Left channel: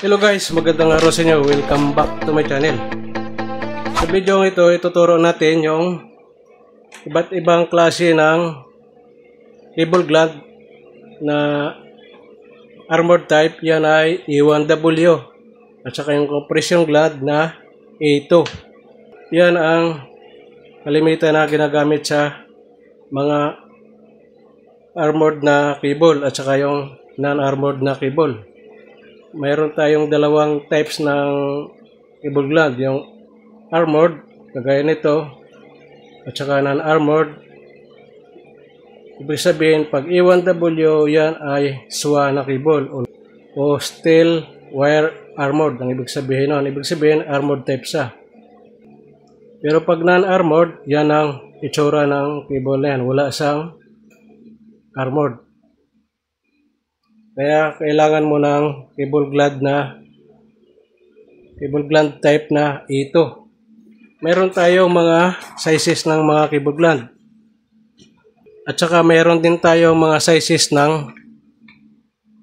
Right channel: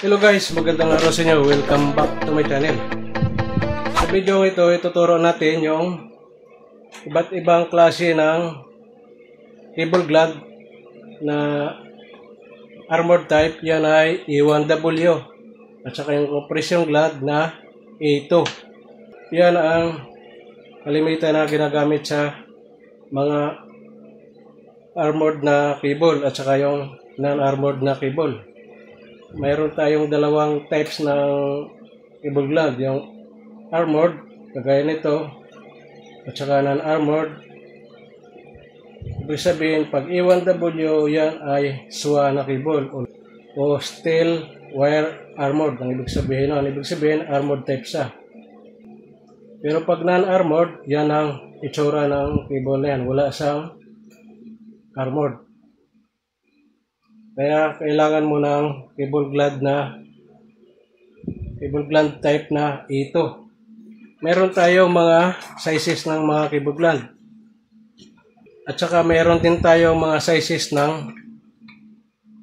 Hello guys, magandang araw sa inyo. Welcome back to my channel. Sa video ito, ituturo natin yung iba't ibang klase ng cable gland na armored type. Yan ay E1W at saka yung compression gland na A2. Yan ang kalimitan na ginagamit sa mga armored na cable at saka yung non-armored na cable. Mayroon tayong dalawang types ng cable gland, yung armored, kagaya nito, at saka non-armored. Ibig sabihin, pag E1W, yan ay SWA na cable o steel wire armored. Ang ibig sabihin nun, armored type siya. Pero pag non-armored, yan ang itsura ng cable na yan. Wala siyang armored. Kaya kailangan mo ng cable gland type na ito. Meron tayong mga sizes ng mga cable gland. At saka meron din tayong mga sizes ng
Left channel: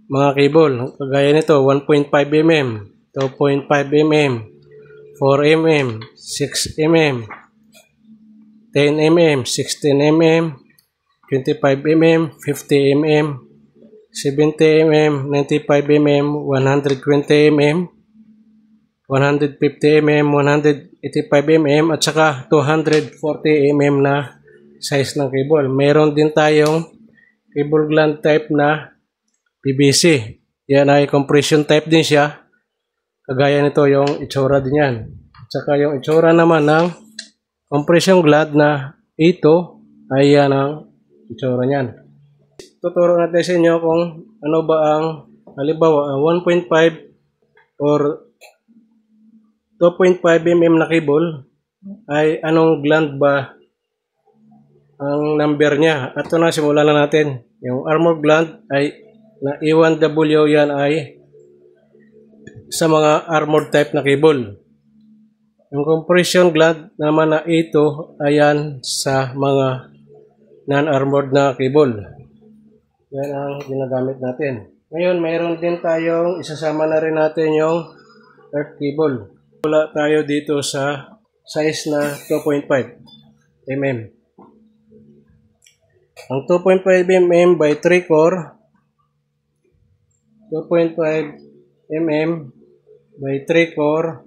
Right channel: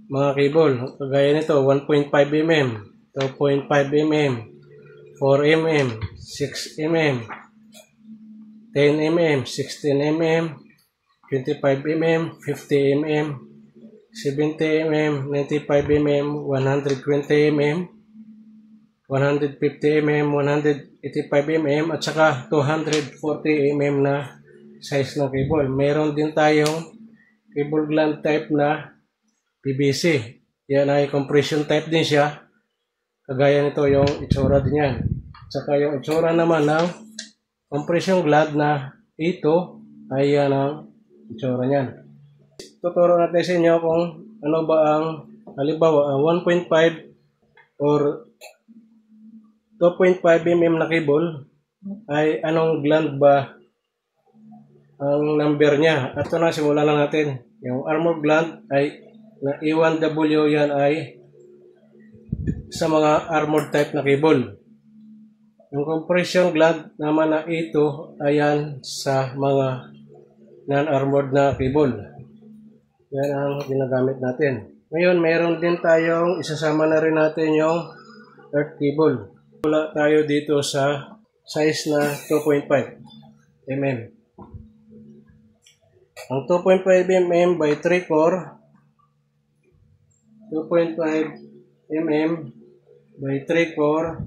mga cable. Kagaya nito, 1.5 mm, 2.5 mm, 4 mm, 6 mm, 10 mm, 16 mm, 25 mm, 50 mm, 70 mm, 95 mm, 120 mm, 150 mm, 185 mm, at saka 240 mm na size ng cable. Meron din tayong cable gland type na PVC. Yan ay compression type din siya. Kagaya nito yung itsura din yan. At saka yung itsura naman ng compression gland na ito ay yan ang itsura niyan. Tuturo natin sa inyo kung ano ba ang halimbawa ang 1.5 or 2.5 mm na cable ay anong gland ba ang number niya. At ito na, simulan na natin. Yung armored gland ay na E1W, yan ay sa mga armored type na cable. Yung compression gland naman na ito ayan sa mga non-armored na cable. Yan ang ginagamit natin. Ngayon, mayroon din tayong isasama na rin natin yung earth cable. Wala tayo dito sa size na 2.5 mm. Ang 2.5 mm by 3 core, 2.5 mm by 3 core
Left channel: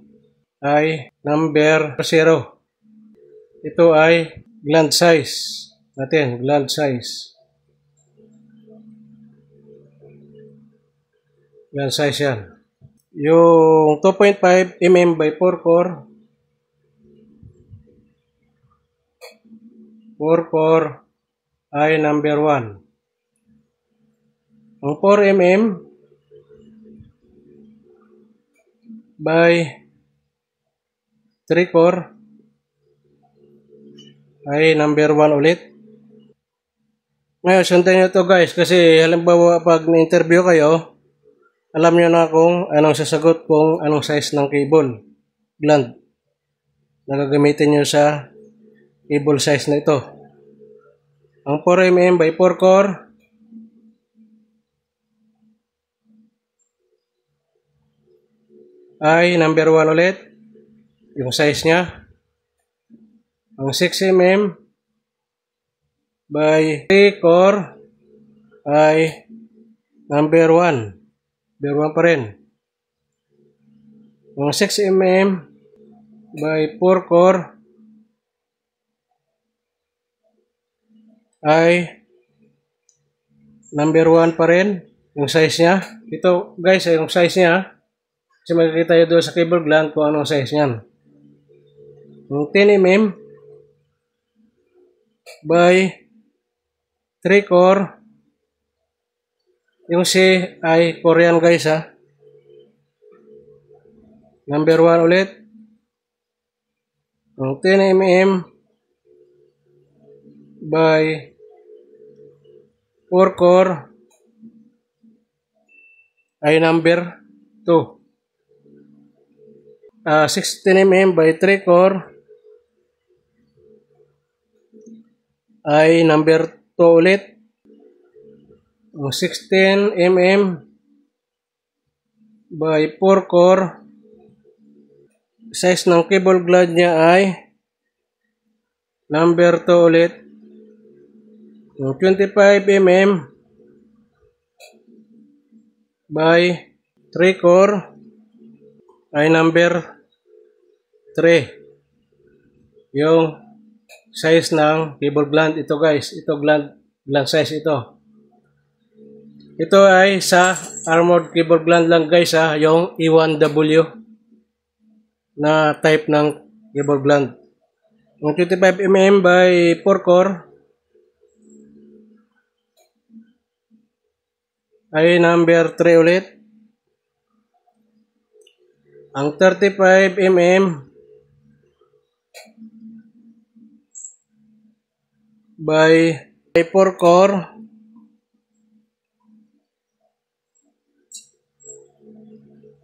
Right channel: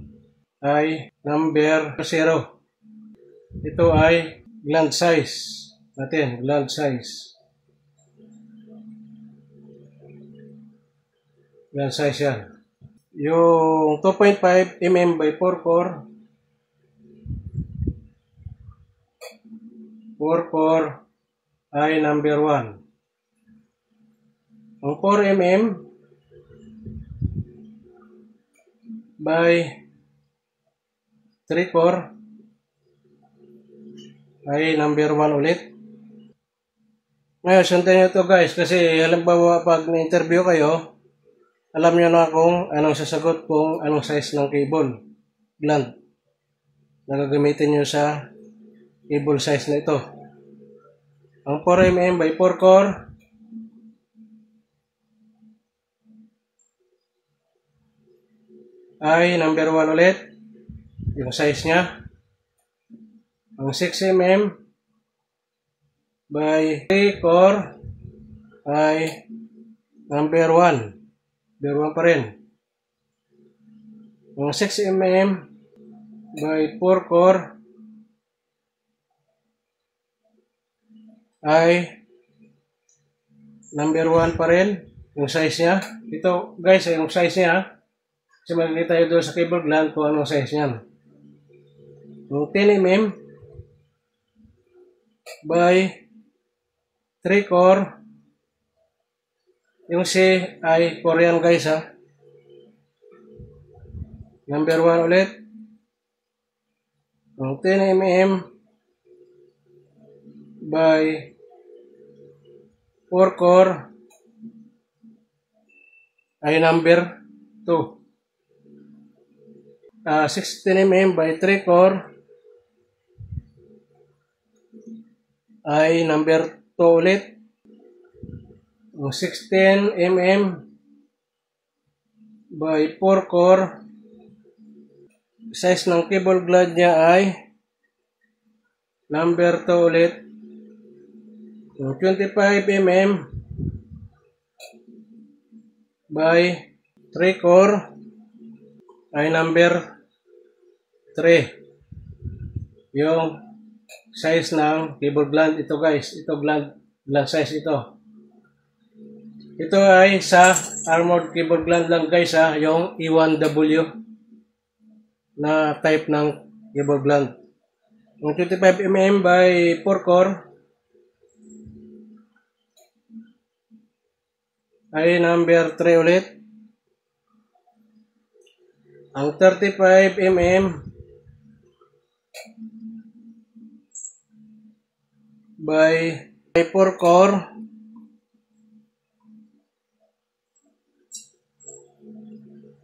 ay number 0. Ito ay gland size natin, gland size. Yan size yan. Yung 2.5 mm by 4 core, 4 core ay number 1. Ang 4 mm by 3 core ay number 1 ulit. Ngayon, sundan nyo ito guys, kasi halimbawa pag na-interview kayo, alam nyo na kung anong sasagot kung anong size ng cable gland na gagamitin nyo sa cable size na ito. Ang 4 mm by 4 core ay number 1 ulit, yung size nya. Ang 6 mm by 3 core ay number 1. Number 1 pa rin. Ang 6 mm by 4 core ay number 1 pa rin. Yung size niya. Ito guys ay yung size niya. Kasi makikita nyo doon sa cable gland kung anong size niyan. Yung 10 mm by 3 core, yung C ay Korean guys ha. Number 1 ulit. Ang 10 mm by 4 core ay number 2. 16 mm by 3 core ay number 2 ulit. Ang 16 mm by 4 core. Size ng cable gland niya ay number 2 ulit. Yung 25 mm by 3 core ay number 3. Yung size ng cable gland. Ito guys, ito gland size ito. Ito ay sa armored cable gland lang guys ha, yung E1W na type ng cable gland. Yung 25 mm by 4 core ay number 3 ulit. Ang 35 mm by 4 core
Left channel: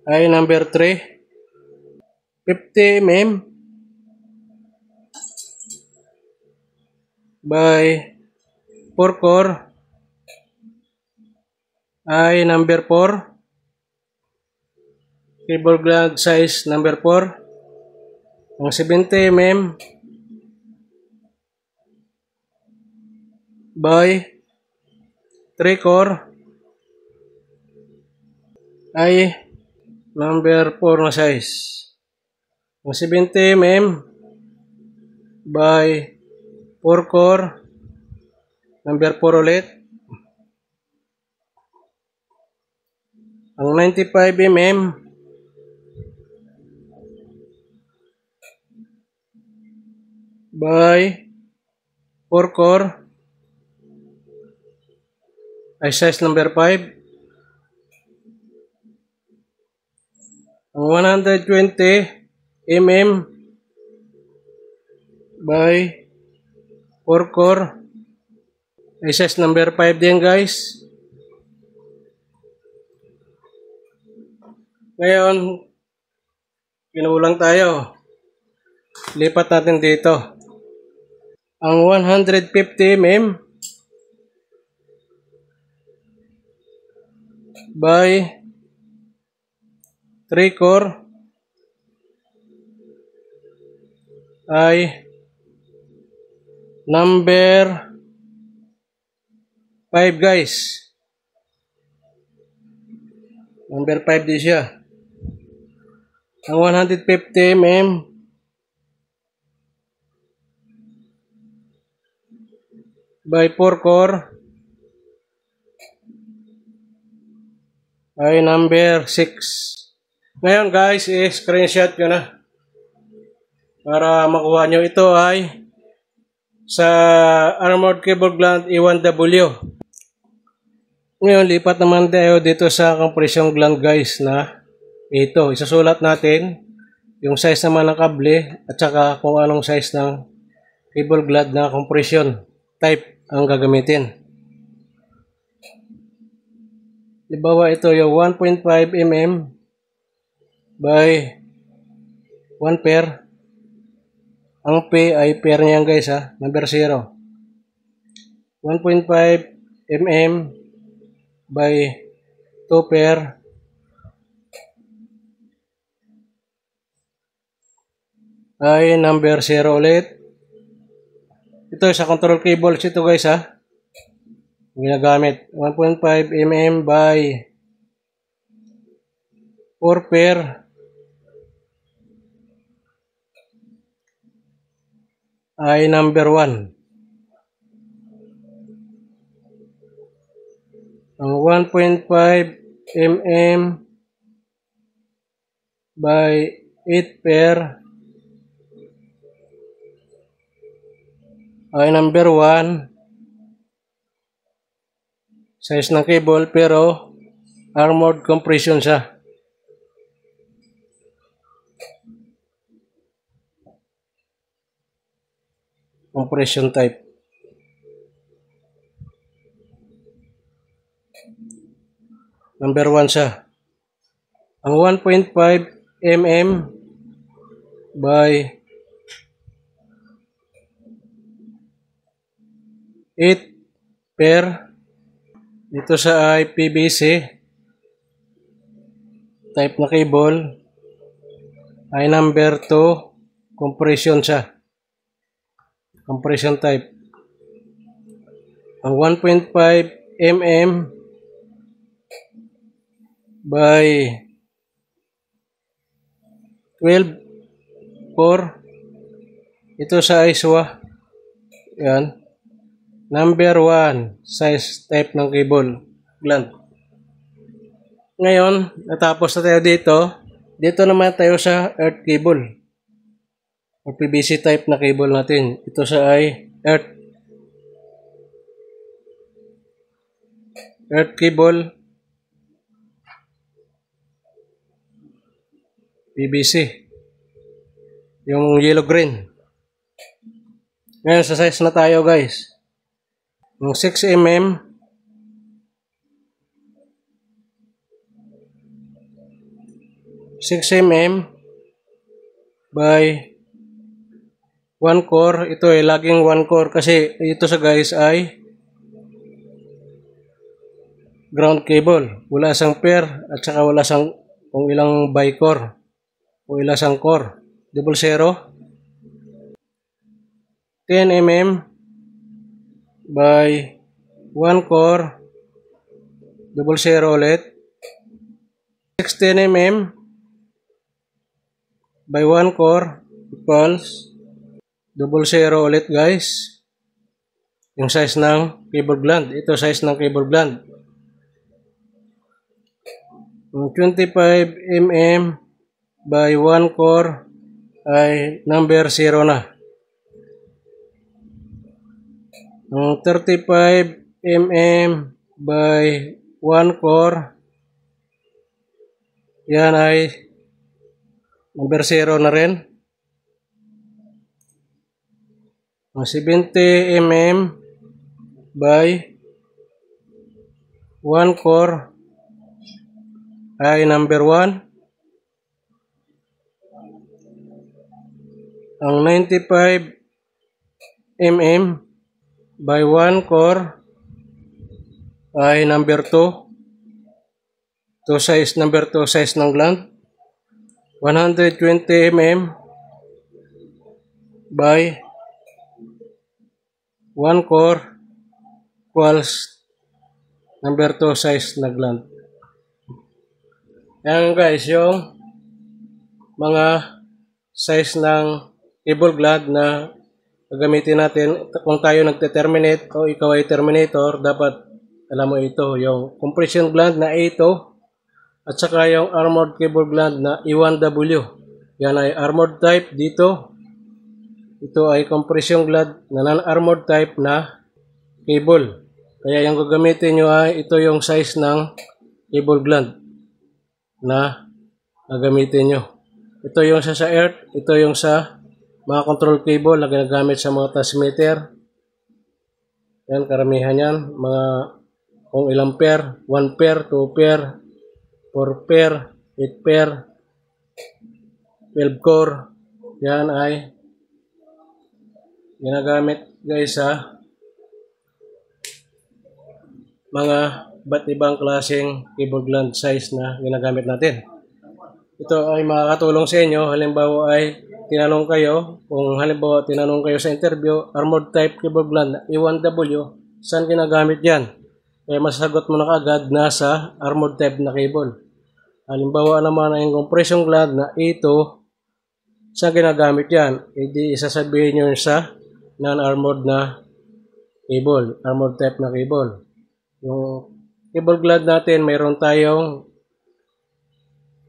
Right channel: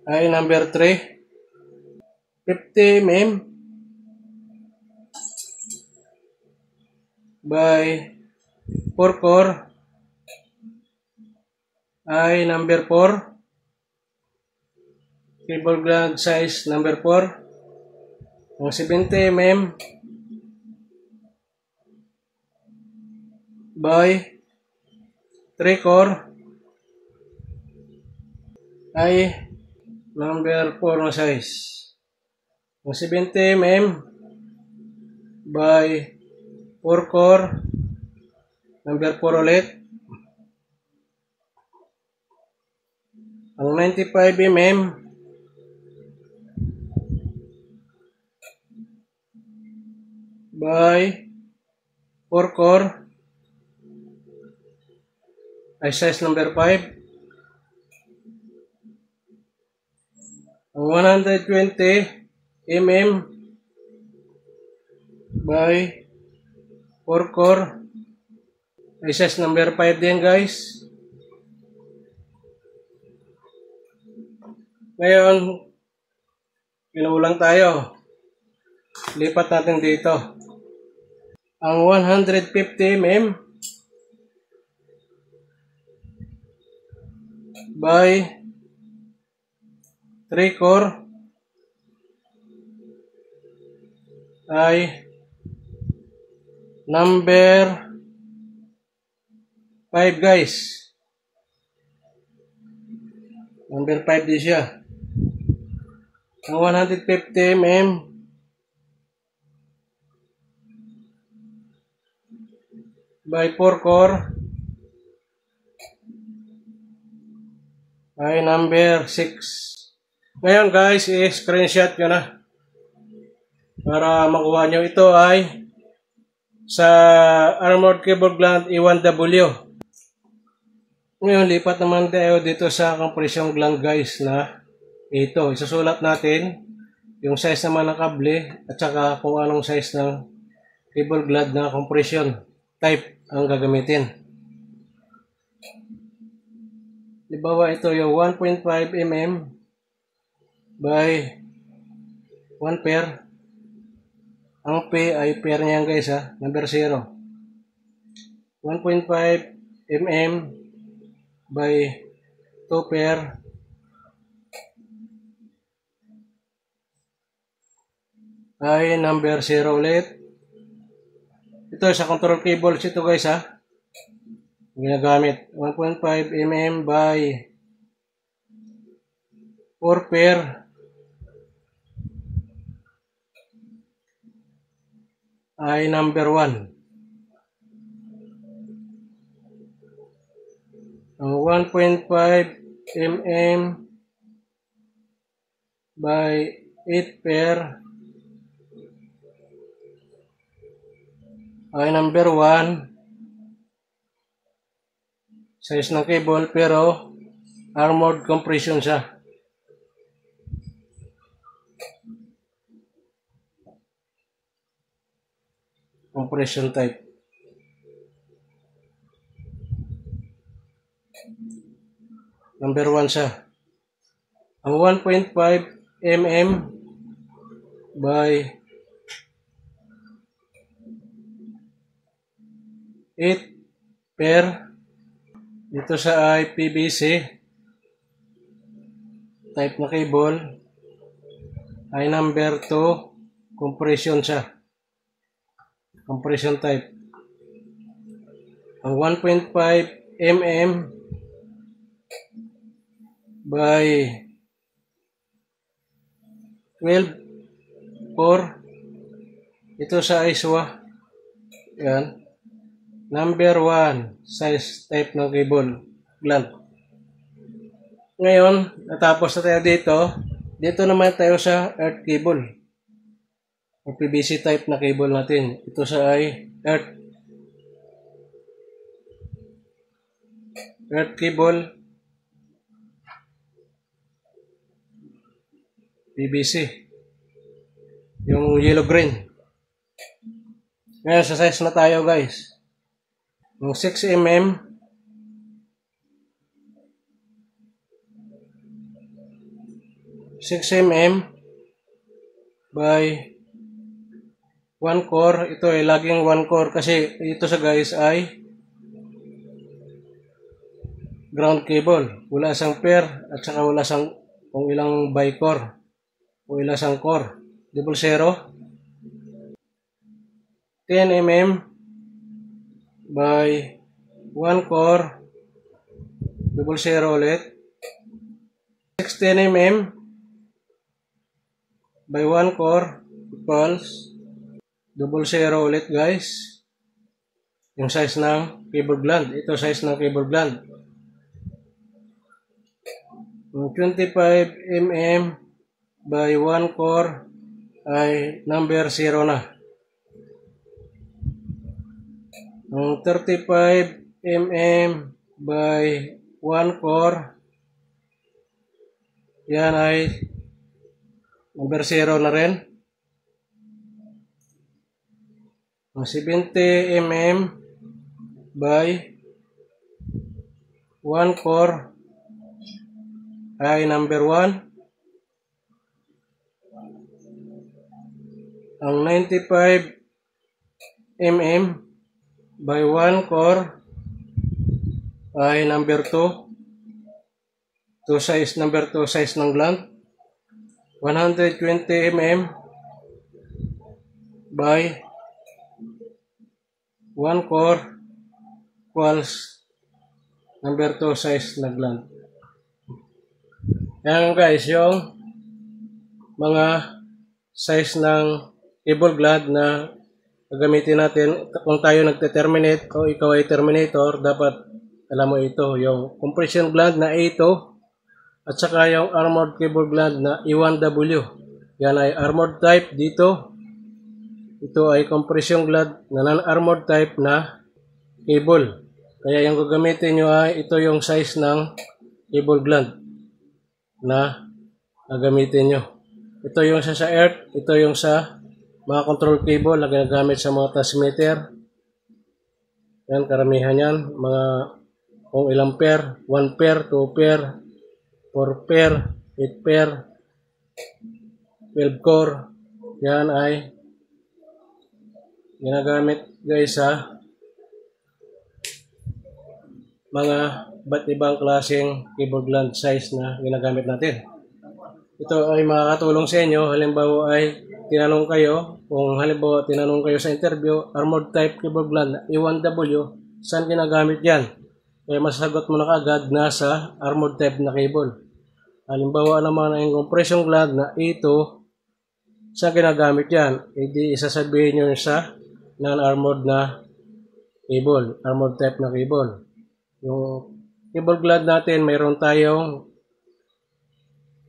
ay number 3. 50 mm by 4 core ay number 4. Cable gland size number 4. Ang 70 mm by 3 core ay number 4 na size. Ang 70 mm by 4 core number 4 ulit. Ang 95 mm by 4 core ay size number 5. Ang 120 mm by 4 core ay size number 5 din guys. Ngayon, pinulang tayo. Lipat natin dito. Ang 150 mm by 3 core ay number 5 guys. Number 5 din siya. Ang 150 mm by 4 core ay number 6. Ngayon guys, screenshot ko na para makuha nyo. Ito ay sa armored cable gland E1W. Ngayon, lipat naman tayo dito sa compression gland guys na ito. Isasulat natin yung size naman ng kable at saka kung anong size ng cable gland na compression type ang gagamitin. Halimbawa ito yung 1.5 mm by 1 pair. Ang P ay pair niyan guys ha, number 0. 1.5 mm by 2 pair ay number 0 ulit. Ito sa control cables ito guys ha, ginagamit 1.5 mm by 4 pair ay number 1. Ang 1.5 mm by 8 pair ay number 1. Size ng cable pero armored compression siya. Compression type. Number 1 siya. Ang 1.5 mm by 8 pair. Ito sa IPVC type na cable ay number 2, compression siya. Compression type. Ang 1.5 mm by 12 core. Ito sa ISWA. Yan. Number 1 size type ng cable gland. Ngayon, natapos na tayo dito. Dito naman tayo sa earth cable. O PVC type na cable natin. Ito sa ay earth cable. PVC. Yung yellow green. Ngayon, sa size na tayo guys. Yung 6 mm. 6 mm by 1 core. Ito ay laging 1 core kasi ito sa guys ay ground cable. Wala sang pair at saka wala sang kung ilang bi-core o ilang sang core. 00 10 mm by 1 core 00 ulit. 16 mm by 1 core equals 00 ulit guys. Yung size ng cable gland. Ito size ng cable gland. Yung 25 mm by 1 core ay number 0 na. Yung 35 mm by 1 core, yan ay number 0 na rin. Yung 70 mm by 1 core ay number 1. Ang 95 mm by 1 core ay number 2. Number 2 size ng gland. 120 mm by 1 core equals number 2 size na gland. Yan guys, yung mga size ng cable gland na gagamitin natin kung tayo nagte-terminate o ikaw ay terminator. Dapat alam mo ito, yung compression gland na A2 at saka yung armored cable gland na E1W. Yan ay armored type dito. Ito ay compression gland na non-armored type na cable. Kaya yung gagamitin nyo ay ito yung size ng cable gland na gagamitin nyo. Ito yung sa earth, ito yung sa mga control cable na ginagamit sa mga transmitter. Yan, karamihan yan. Mga kung ilang pair, 1 pair, 2 pair, 4 pair, 8 pair, 12 core. Yan ay ginagamit guys sa mga iba't ibang klaseng cable gland size na ginagamit natin. Ito ay makakatulong sa inyo. Halimbawa ay tinanong kayo, kung halimbawa tinanong kayo sa interview, armored type cable gland E1W, saan ginagamit yan? Kaya masasagot mo na kaagad na sa armored type na cable. Halimbawa naman ay compression gland na E2, saan ginagamit yan? E di isasabihin nyo sa non-armored na cable, armored type na cable. Yung cable gland natin, mayroon tayong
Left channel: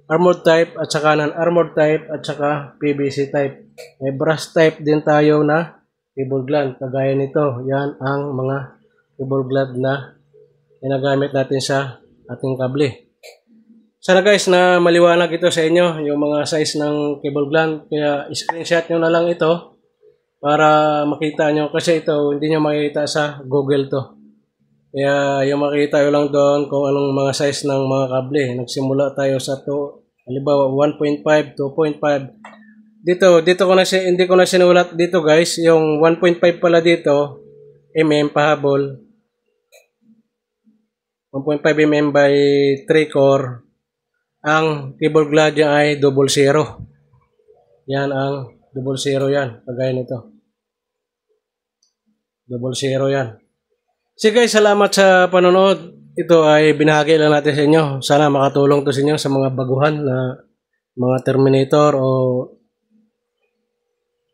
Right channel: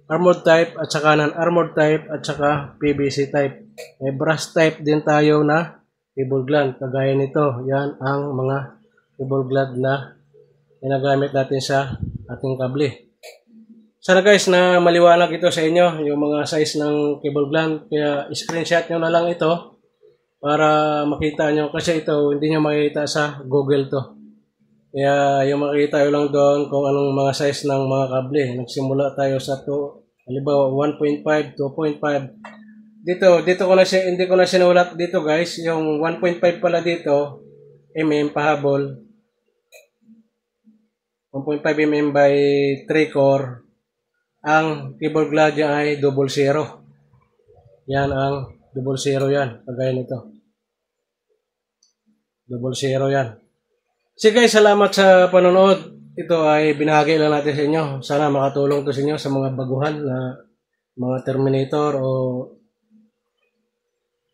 armored type at saka non-armored type at saka PVC type. May brass type din tayo na cable gland. Kagaya nito, yan ang mga cable gland na ginagamit natin sa ating kable. Sana guys na maliwanag ito sa inyo, yung mga size ng cable gland. Kaya screenshot nyo na lang ito para makita nyo. Kasi ito hindi nyo makikita sa Google to. Kaya yung makikita nyo lang doon kung anong mga size ng mga kable. Nagsimula tayo sa halimbawa 1.5, 2.5. Dito ko na hindi ko na sinulat dito guys. Yung 1.5 pala dito, mm pahabol. 1.5 mm by 3 core. ang cable gland niya ay 00. Yan ang 00 yan. Kagaya nito. 00 yan. So guys, salamat sa panonood. Ito ay binahagi lang natin sa inyo. Sana makatulong to sa inyo sa mga baguhan na mga terminator o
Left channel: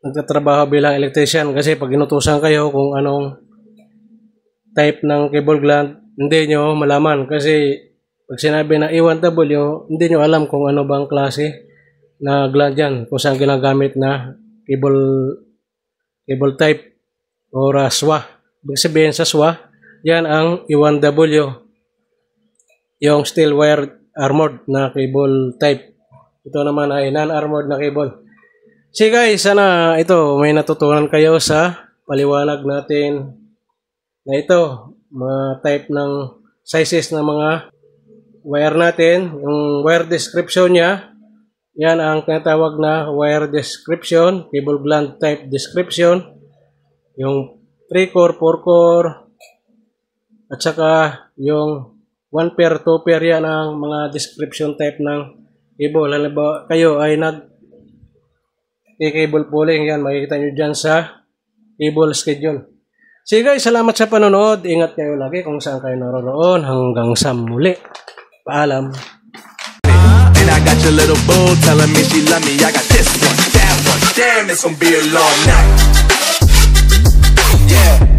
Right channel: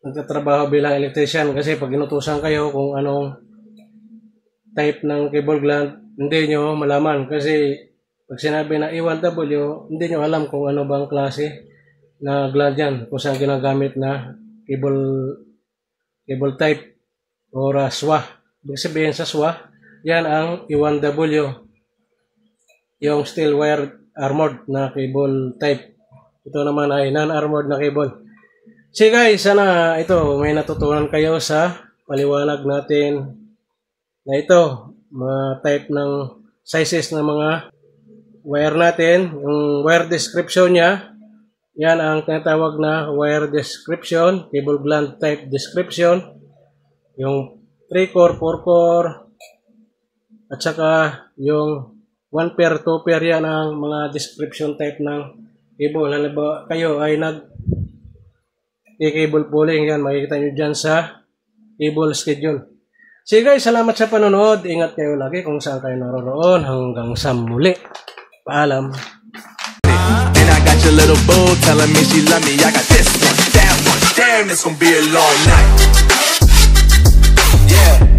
nagtatrabaho bilang electrician. Kasi pag inutusan kayo kung anong type ng cable gland, hindi nyo malaman. Kasi pag sinabi na A1W, hindi nyo alam kung ano bang klase na gland yan. Kung saan ginagamit na cable type o SWA. Ibig sabihin sa SWA, yan ang A1W. Yung steel wire armored na cable type. Ito naman ay non-armored na cable. So guys, sana ito may natutunan kayo sa paliwanag natin na ito. Mga type ng sizes ng mga wire natin. Yung wire description niya, yan ang tinatawag na wire description, cable gland type description. Yung 3-core, 4-core, at saka yung 1 pair, 2 pair, yan ang mga description type ng cable. Halimbawa kayo ay cable pulling, yan makikita nyo dyan sa cable schedule. So guys, salamat sa panonood. Ingat kayo lagi kung saan kayo naroon. Hanggang sa muli. Paalam. And I got your little boo telling me she love me. I got this one, that one. Damn, it's gonna be a long night. Yeah.